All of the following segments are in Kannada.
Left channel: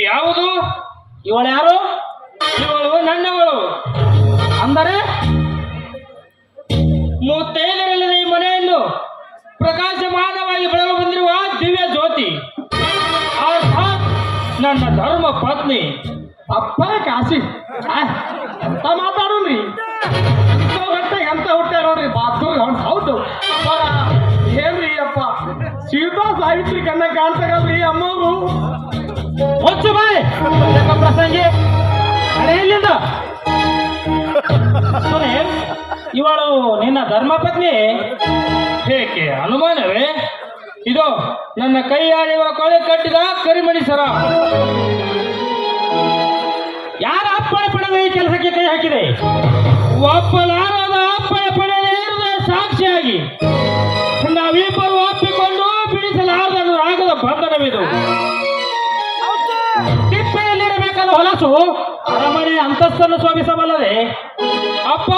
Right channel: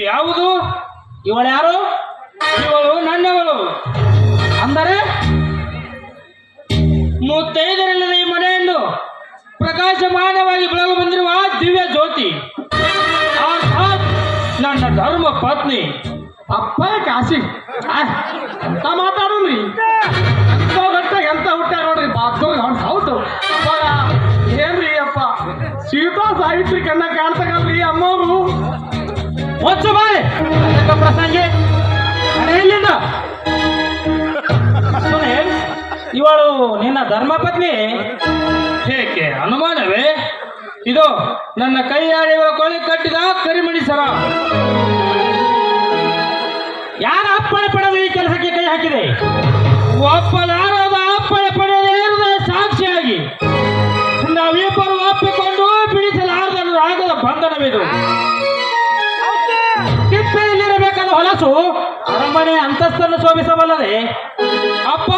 ಯಾವುದು? ಇವಳು ಯಾರು? ಇವಳು ನನ್ನವಳು. ಅಂದರೆ ಮುತ್ತೈದರಲ್ಲದ ಈ ಮನೆಯನ್ನು ಪ್ರಕಾಶಮಾನವಾಗಿ ಬೆಳಗು ಬಂದಿರುವ ದಿವ್ಯ ಜ್ಯೋತಿ, ಅರ್ಥಾತ್ ನನ್ನ ಧರ್ಮ ಪತ್ನಿ. ಅಪ್ಪ ಕಾಶಿ ಮಾತಾಡ್ರಿ ಎಂತ ಹುಟ್ಟ ನೋಡ್ರಿ ಹೌದು ಏನ್ರಿ ಅಪ್ಪ ಸೀತಾ ಸಾವಿತ್ರಿ ಕನ್ನ ಕಾಣ್ತಾಗಲ್ರಿ ಅಮ್ಮವರು ಹೊಚ್ಚು ಬಾಯ್ ಪ್ರಸಂಗಿ ಎಲ್ಲಿಂದ ಇವಳು ನಿನ್ನ ಧರ್ಮಪತ್ನಿ? ಏಕೆ ಅನುಮಾನವೇ? ಇದು ನನ್ನ ಕೈಯಾಡಿವ ಕೊಳೆ ಕಟ್ಟಿದ ಕರಿಮಣಿ ಸರ. ಯಾರ ಅಪ್ಪಣೆ ಪಡೆದ ಈ ಕೆಲಸಕ್ಕೆ ಕೈ ಹಾಕಿದೆ? ಒಪ್ಪಲಾರದ ಅಪ್ಪಣೆ ಪಡೆಯದೇ ಹೃದಯ ಸಾಕ್ಷಿಯಾಗಿ ನಾವಿಬ್ಬರು ಒಪ್ಪಿಕೊಂಡು ಬಿಡಿಸಲಾರದ ಆಗದ ಬಂಧನವಿದು. ತಿಪ್ಪೆಯಲ್ಲಿರಬೇಕಾದ ಹೊಲಸು ಅರಮನೆ ಅಂತಸ್ತನ್ನು ಶೋಭಿಸಬಲ್ಲದೆ ಅಪ್ಪ,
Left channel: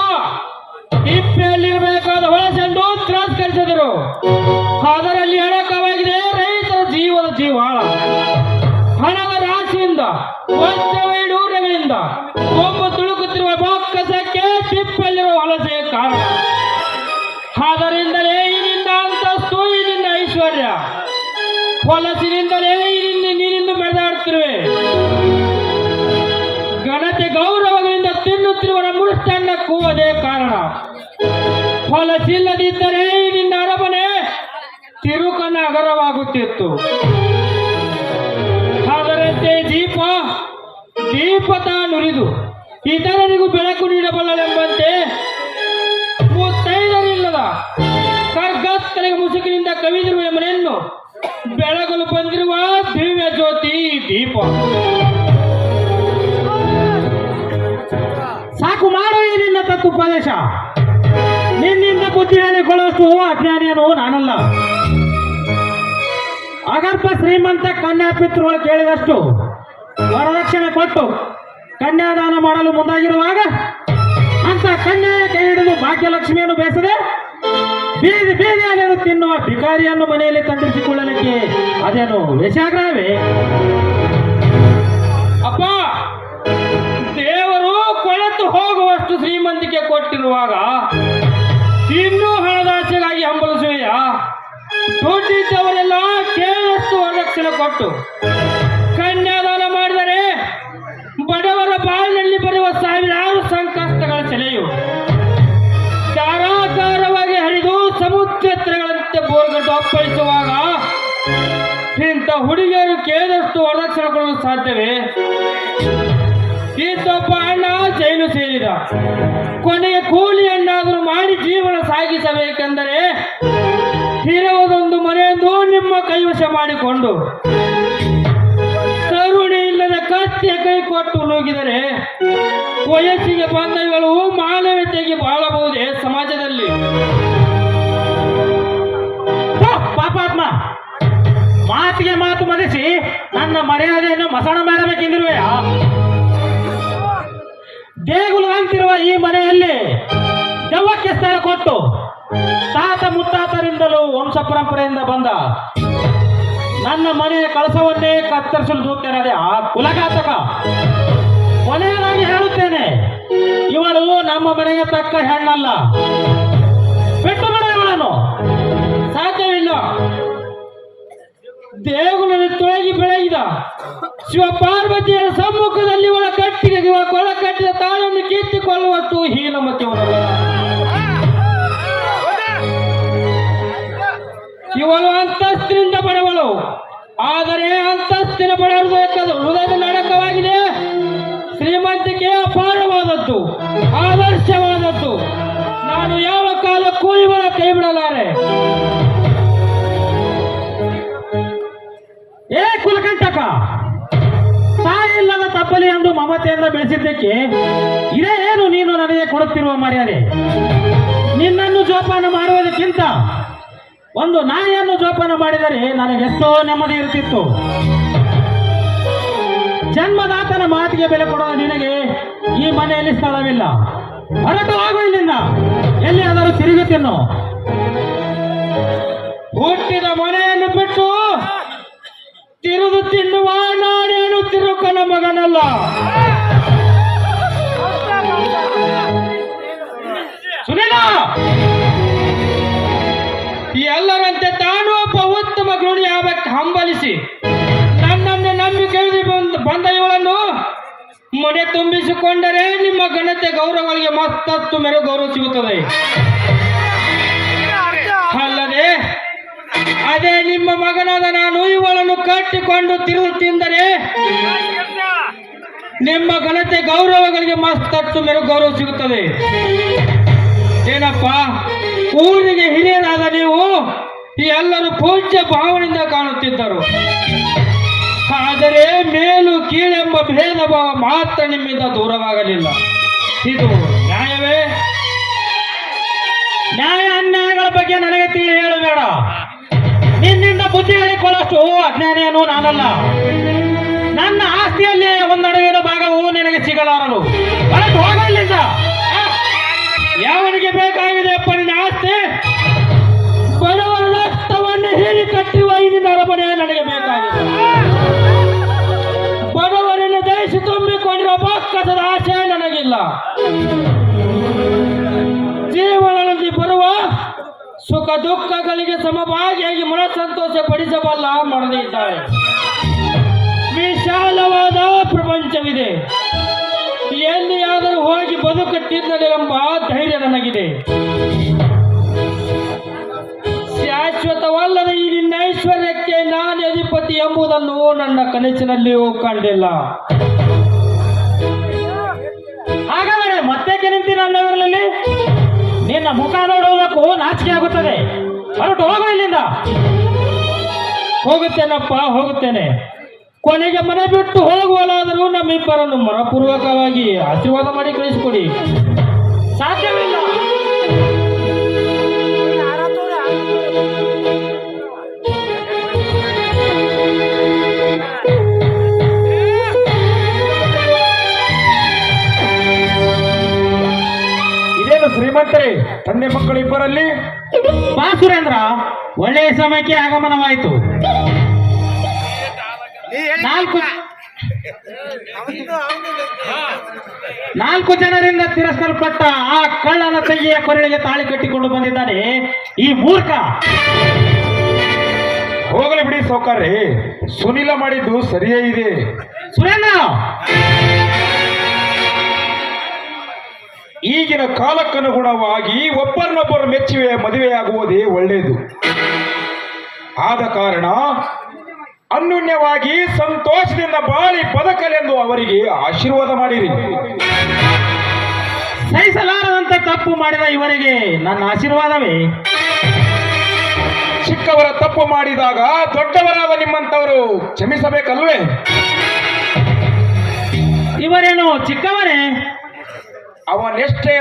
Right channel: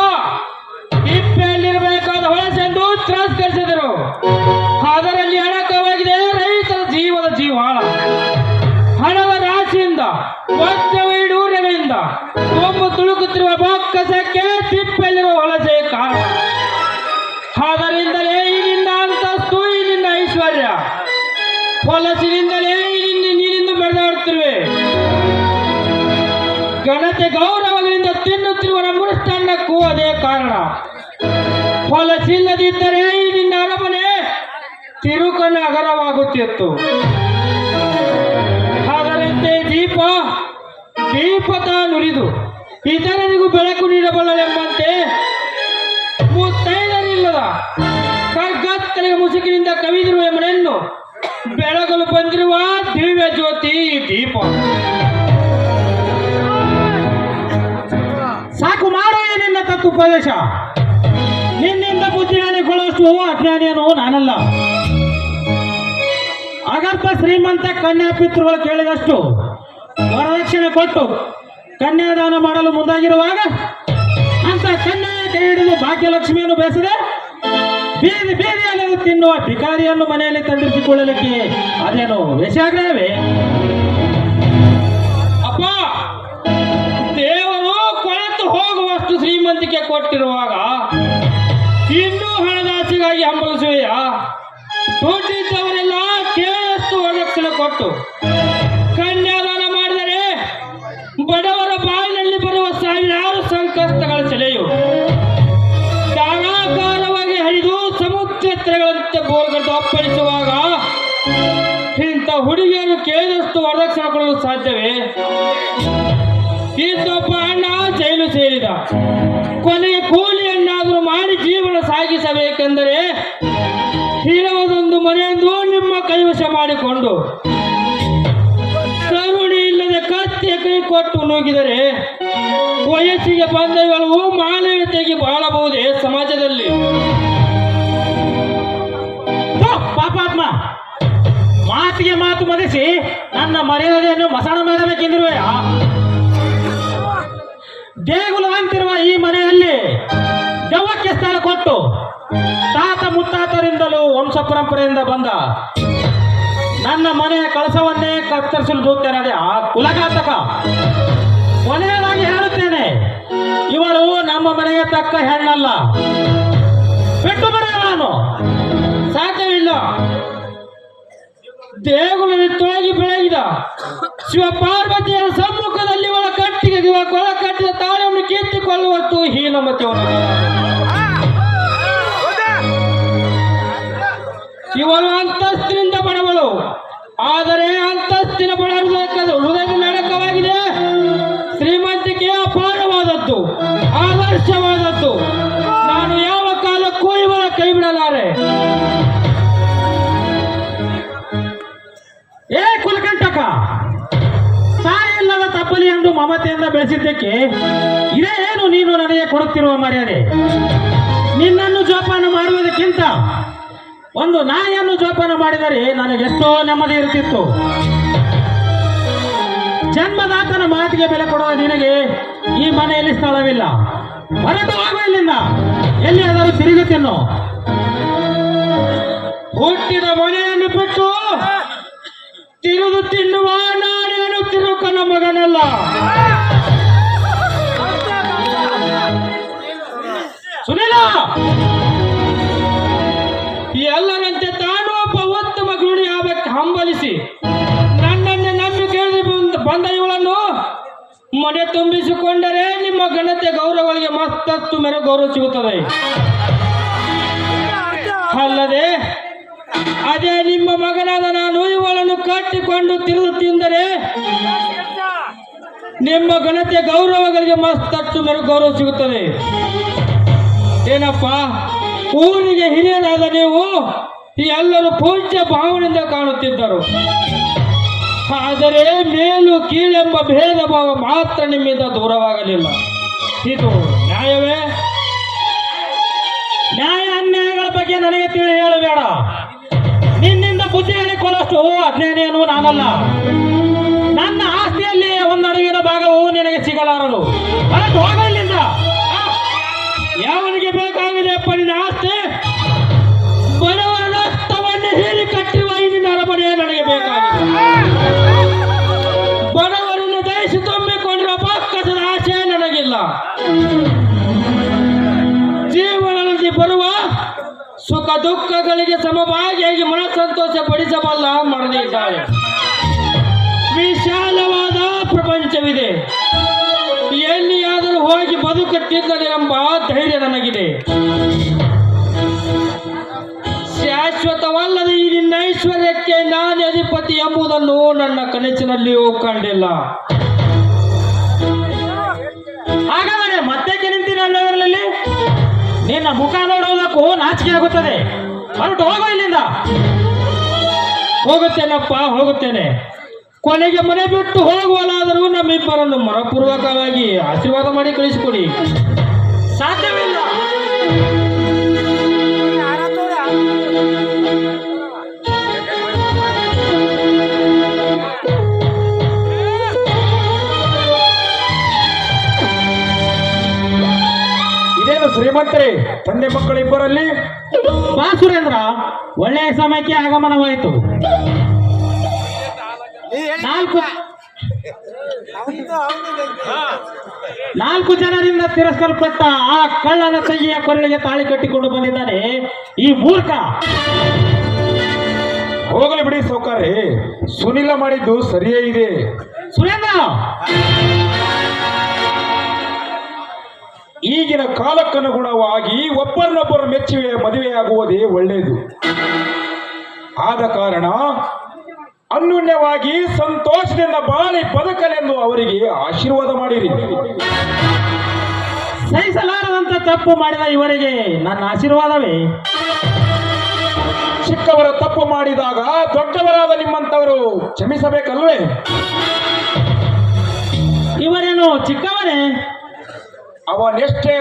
ತಿಪ್ಪೆಯಲ್ಲಿರಬೇಕಾದ ಹೊಲಸೆಂದು ತಿರಸ್ಕರಿಸಿದರು. ಅದರಲ್ಲಿ ಅಡಕವಾಗಿದೆ ರೈತರ ಜೀವದ ಜೀವಾಳ. ಹಣದ ರಾಶಿಯಿಂದ ವಜ್ರವೈಡೂರ್ಯದಿಂದ ಒಮ್ಮು ತುಳುಕುತ್ತಿರುವ ಬೊಕ್ಕಸಕ್ಕೆ ತಿಪ್ಪೆಯಲ್ಲಿರುವ ಹೊಲಸೆ ಕಾರಣ. ಅದರಿಂದಲೇ ಇಲ್ಲಿಂದ ಅಂತಸ್ತು, ಇಲ್ಲಿಂದ ಐಶ್ವರ್ಯ. ಹೊಲಸಿನಿಂದಲೇ ನೀನಿಂದು ಬೆಳೆದಾಡುತ್ತಿರುವೆ. ಘನತೆ ಗೌರವಗಳಿಂದ ತಿನ್ನುತ್ತಿರುವ ಮೃಷ್ಟನ್ನಕ್ಕೂ ಅದೇ ಕಾರಣ. ಹೊಲಸಿಲ್ಲದಿದ್ದರೆ ನಿನ್ನ ಅರಮನೆ ತಿರುಕನ ಅಗರವಾಗುತ್ತಿತ್ತು. ಅದರಂತೆ ದೀಪ ತಾನುರಿದು ಇತರರಿಗೂ ಬೆಳಕು ನೀಡಬಲ್ಲನೆಂಬಂತೆ ಮುತ್ತೈದರಿಲ್ಲದ ಕಗ್ಗತ್ತಲೆಗೆ ಮುಸುಕಿನಿಂದ ಕವಿದಿರುವ ಮನೆಯನ್ನು ಬೆಳಗಲು ಬಂದಿರುವ ದಿವ್ಯ ಜ್ಯೋತಿ ದೀಪ. ಸಾಕು ಮಾಡು ನಿನ್ನ ತತ್ವೋಪದೇಶ. ನಿನ್ನಿಂದ ಬುದ್ಧಿಗಳಿಕೊಳ್ಳುವಷ್ಟು ಅಜ್ಞಾನಿಯನು ನಾನಲ್ಲ. ಅಗರ್ಭ ಶ್ರೀಮಂತ ಕನ್ಯಾ ಪಿತೃಗಳು ಕೇಳಿದಷ್ಟು ವರದಕ್ಷಿಣೆ ಕೊಟ್ಟು ಕನ್ಯಾದಾನ ಮಾಡಲು ಮುಂದಾಗಿರುವಾಗ ಅಂತ ಕನ್ಯಾ ಕೈ ಹಿಡಿದು ಭಾಗ್ಯಲಕ್ಷ್ಮಿಯನ್ನು ಬೇಸದೆ ಬೀದಿಯಲ್ಲಿ ಅದು ತಿನ್ನುವ ಭಿಕಾರಿಯನ್ನು ಮನೆಯಲ್ಲಿ ತಂದಿರಿಸಿಕೊಳ್ಳಲಿಕ್ಕೆ ಅದೇನು ವೇಷಾಗ್ರಹವೇ? ಅಪ್ಪ, ದೇವರು ಕೊಳೆತು ಹೋಗುವಷ್ಟು ಶ್ರೀಮಂತಿಕೆ ಕೊಟ್ಟಿರುವಾಗ ಇನ್ನೂ ಹಣದಾಸೆಗಾಗಿ ಹಂಬಲಿಸುವೆಯ? ದುಡ್ಡಿದ್ದವರೆಲ್ಲ ಕೇಳಷ್ಟು ವರದಕ್ಷಿಣೆ ಕೊಟ್ಟು ಕನ್ಯಾದಾನ ಮಾಡಿದರೆ ಬಡವರ ಬಾಯಿನಲ್ಲಿ ಬರುವ ಸಾವಿರಾರು ಸಂಕಷ್ಟಗಳ ಸೆಲೆಯು ಧಾರಾಕಾರವಾಗಿ ಹರಿದು ಸಮುದ್ರಗಳಂತೆ ಬೋರ್ಗಟ್ಟು ಅಪ್ಪಳಿಸುವಾಗ ಇಂಥ ಹುಡುಗಿಯರು ಕೇಳಿದಷ್ಟು ವರದಕ್ಷಿಣೆ ಕೊಡಲು ಸಾಧ್ಯವೇ? ಇಂಥೊಬ್ಬ ಅಣ್ಣ ಜೈಲು ಸೇರಿದ. ಕೊನೆಗೆ ಕೂಲಿಯನ್ನಾದರೂ ಮಾಡಿ ಜೀವನ ಸಾಗಿಸಬೇಕೆಂದರೆ ಇರುವುದೊಂದು ಮನೆಯೆಂದು ನಿಮ್ಮ ಕೈವಶ ಮಾಡಿಕೊಂಡು ಕರುಣೆ ಇಲ್ಲದ ಕತ್ತಿಯ ಕೈ ಕೊಟ್ಟು ನುಗ್ಗಿದರೆ ವಯಸ್ಸಿಗೆ ಬಂದಗಳು ಮಾನವೀಯತೆಗೆ ಬಾಳಬಹುದೇ ಸಮಾಜದಲ್ಲಿ? ಪಾಪಾತ್ಮ, ಮಾತಿಗೆ ಮಾತು ಮರೆಸಿ ನನ್ನ ಮರ್ಯಾದೆಯನ್ನು ಮಸಣ ಮಾಡಬೇಕೆಂದಿರುವೆಯ? ದೇಗುಲು ಅಂತಿರುವ ಈ ಮನೆಯಲ್ಲಿ ದೆವ್ವಕ್ಕೆ ಸ್ಥಳ ಕೊಟ್ಟು ತಾತ ಮುತ್ತಾತರಿಂದಲೂ ವಂಶ ಪರಂಪರೆಯಿಂದ ಬಂದ ನನ್ನ ಮನೆಯ ಕಳಸವನ್ನೇ ಕತ್ತರಿಸಲು ದೂತೇನೆ ಆ ಕುಲಘಾತಕ. ಕೊನೆಯದಾಗಿ ಹೇಳುತ್ತೇನೆ, ಇವಳು ನಮ್ಮ ಮನೆಗೆ ತಕ್ಕ ಹೆಣ್ಣಲ್ಲ. ಬಿಟ್ಟು ಬಿಡ ಅವಳನ್ನು, ಸಾಧ್ಯವಿಲ್ಲ. ದೇಗುಲಲ್ಲಿ ತೊಳಗಿ ಬೆಳಗಿದ ಶಿವಪಾರ್ವತಿಯರ ಸಮ್ಮುಖದಲ್ಲಿ ಇವಳ ಕಟ್ಟಿಗೆ ಕೊಳ ಕಟ್ಟಿದ ತಾಳಿಯನ್ನು ಕಿತ್ತಿಕೊಳ್ಳುವಷ್ಟು ಹೀನಮತಿ. ಇವಳು ಅಂತಸ್ತಿನಿಂದ ಬಡವಳು, ಆದರೆ ಅಂತಸ್ತಿನ ಬಡ ಹೃದಯದಲ್ಲಿ ಅಡಕವಾಗಿದೆ ಶ್ರೀಮಂತಿಕೆ. ಅಪಾರವಾದದ್ದು, ಆದರ್ಶವಾದದ್ದು. ನಾನು ಯಾವ ಕಾಲಕ್ಕೂ ಇವಳ ಕೈ ಬಿಡಲಾರೆ. ಏ ಕುಲಕಂಟಕ, ತಾಯಿಲ್ಲದ ತಪ್ಪಲಿ ಎಂದು ಮಮತೆಯಿಂದ ಬೆಳೆಸಿದ್ದಕ್ಕೆ ಇದೇನು ನೀನು ನನಗೆ ಕೊಡುತ್ತಿರುವ ಮರ್ಯಾದೆ? ನಿನ್ನನ್ನು ಜೋಪಾನ ಮಾಡುವುದಕ್ಕಿಂತ ಒಂದು ನಾಯಿಯನ್ನು ಜೋಪಾನ ಮಾಡಿದರೆ ನನಗೆಷ್ಟೋ ನೆಮ್ಮದಿ ಇರುತ್ತಿತ್ತು. ಜನ್ಮದಾತನ ಮಾತಿಗೆ ಬೆಲೆ ಕೊಡುವ ನಿನಗೆ ಈ ಮನೆಯಲ್ಲಿ ಸ್ಥಳವಿಲ್ಲ. ಹೊರಟು ಹೋಗು ಇಲ್ಲಿಂದ, ಎಲ್ಲಿಯಾದರೂ ತಿರುಗುತ್ತಿನ್ನು. ಹುಟ್ಟಿದ ಮನೆಯನ್ನು ಬಿಟ್ಟು ತಿರುದು ತಿನ್ನುವ ನಾನೇನು ತಿರುಗ ಮನೆ ತುಂಬಿಸಿಕೊಂಡರೆ ನಿಮ್ಮ ಘನತೆ ಗೌರವಗಳಿಗೆ ಮತ್ತಷ್ಟು ಮೇರೆ ಗೌರವ ಸಿಗುತ್ತದೆ. ಅಲ್ಲದೆ ಅದೇ ನಿಮ್ಮ ಮಗನಾದ ನಾನು ಇವಳನ್ನು ಕಟ್ಟಿಕೊಂಡು ತಿರುಗುತ್ತಿದ್ದರೆ ನಿಮ್ಮ ಘನತೆ ಗೌರವಗಳಿಗೆ ಮತ್ತಷ್ಟು ಮೇರೆ ಗೌರವ ಸಿಗುತ್ತದೆ. ಏನಪ್ಪ, ಊರಿಗೆ ಹಿರಿಯರಾದ ನೀವು ಎಲ್ಲರೂ ಪೂಜ್ಯ ಭಾವನೆಯಿಂದ ಕಾಣುತ್ತಿದ್ದರು. ಆದರೆ ಮೇಲು ಕೀಳೆಂಬ ಭೇದ ಭಾವ ಮಾತ್ರ ನಿಮ್ಮಿಂದ ದೂರವಾಗಲಿಲ್ಲ. ಇದು ನ್ಯಾಯವೇ? ನ್ಯಾಯ ಅನ್ಯಾಯಗಳ ಬಗ್ಗೆ ನನಗೆ ತಿಳಿ ಹೇಳಬೇಡ. ನಿನ್ನಿಂದ ಬುದ್ಧಿ ಹೇಳಿಕೊಳ್ಳಷ್ಟು ಅಜ್ಞಾನಿಯನು ನಾನಲ್ಲ. ನನ್ನ ಆಸ್ತಿಯಲ್ಲಿ ಒಂದು ಅಡವಿನ ಭಾಗವು ನಿನಗೆ ಸಿಗಲಾರದು. ಹೊರಟು ಹೋಗು ಇಲ್ಲಿಂದ. ಯಾವನಿಗೆ ಬೇಕಾಗಿದೆ ಅಪ್ಪ ನಿನ್ನ ಆಸ್ತಿ? ಬಡವರ ರಕ್ತವನ್ನು ಹೀರಿ ಕಟ್ಟಿರುವ ಇಲ್ಲಿನ ಅರಮನೆ ನನಗೆ ಬೇಕಾಗಿದೆ. ಬಡವರನ್ನು ದಯಿಸಿ ತುಂಬಿಕೊಂಡಿರುವ ಬೊಕ್ಕಸದ ಆಸೆ ನನಗಿಲ್ಲ. ಜೀವನದಲ್ಲಿ ಬರುವ ಸುಖ ದುಃಖಗಳಿಗೆ ಸಮಭಾಗಿಯಾಗಿ ಮನಸ್ಸಂತೋಷ ಪಡಿಸಬಲ್ಲ ಮಾಡದೇ ಇದ್ದಾಳೆ. ವಿಶಾಲವಾದ ಪ್ರಪಂಚವಿದೆ. ಎಲ್ಲಿಯಾದರೂ ಹೋಗಿ ಬದುಕುತ್ತಿದ್ದರೆ ಎಂಬ ಧೈರ್ಯ ನನಗಿದೆ. ಶಾಶ್ವತವಲ್ಲದ ಈ ನಿನ್ನ ಐಶ್ವರ್ಯಕ್ಕೆ ನಾನೇ ಅಧಿಪತಿ ಎಂಬುದನ್ನು ನನ್ನ ಕನಸಿನಲ್ಲಿಯೂ ಕಂಡಿಲ್ಲ. ಹಾಗಾದರೆ ಮತ್ತೆ ನಿಂತಿ ನನ್ನಲ್ಲಿ ನಿನ್ನ ಮುಖ ನೋಡುವುದಕ್ಕೂ ನಾಚಿಕೆ ಆಗುತ್ತದೆ. ಹೊರಟು ಹೋಗು ಇಲ್ಲಿಂದ. ಹೋಗುತ್ತೇನಪ್ಪ, ಹೋಗುತ್ತೇನೆ. ಕೊನೆಗೆ ಮನೆ ಬಿಟ್ಟು ಹೋಗುವಲಾದರೂ ನಮ್ಮಿಬ್ಬರನ್ನು ಮನಪೂರ್ವಕವಾಗಿ ಆಶೀರ್ವಾದ ಮಾಡಿ ಕಳಿಸಿಕೊಡಿ. ಸಾಧ್ಯವಿಲ್ಲ. ಇದೇನು ಶ್ರೀಮಂತರೇ, ತಂದೆ ಮಕ್ಕಳಿಬ್ಬರಲ್ಲಿ ಬಾ ಸುರೇಂದ್ರ, ಒಳ್ಳೆಯ ಸಮಯಕ್ಕೆ ಆಗಮನವಾಯಿತು. ನಾಲ್ಕು ಜನರಿಂದ ತಿರಸ್ಕಲ್ಪಟ್ಟ ಆ ಕಳ್ಳನ ಕೈಯ ಕೊರಳಿಗೆ ತಾಳಿ ಕಟ್ಟಿಕೊಂಡು ಬಂದಿದ್ದಾನೆ ಈ ಮೂರ್ಖ. ಹೋಗಲಿ ಬಿಡಿ ಸೌಕರ್ಯ, ಸುನಿಲ ಮಾಡಿದ್ದು ಸರಿಯೇ ಇದೆ. ಸುರೇಂದ್ರ, ಈಗಿನ ಕಾಲಕ್ಕನುಗುಣವಾಗಿ ಒಬ್ಬರನ್ನೊಬ್ಬರು ಮೆಚ್ಚುವೆ ಮದುವೆಯಾಗುವುದೇ ಒಳ್ಳೆಯದು. ಆದ ಕಾರಣ ಅನ್ಯೋನ್ಯವಾಗಿ ಸಂತೋಷದಿಂದ ಬಾಳಿ ಬದುಕಲೆಂದು ಅವರಿಗೆ ಆಶೀರ್ವಾದ ಮಾಡಿರಿ. ಸಹಿಸಲಾರದಂತ ತಪ್ಪು ಮಾಡಿದ ಇವರಿಗೆ ನನ್ನ ಆಶೀರ್ವಾದವೇ. ಚಿಕ್ಕವರ ತಪ್ಪು ಮಾಡಿದಾಗ ದೊಡ್ಡವರಾದ ನಿಮ್ಮಂತವರು ಕ್ಷಮಿಸಬೇಕಲ್ವೇ? ಇವರೇನು ಚಿಕ್ಕವರೇ? ಅವನೆಷ್ಟೇ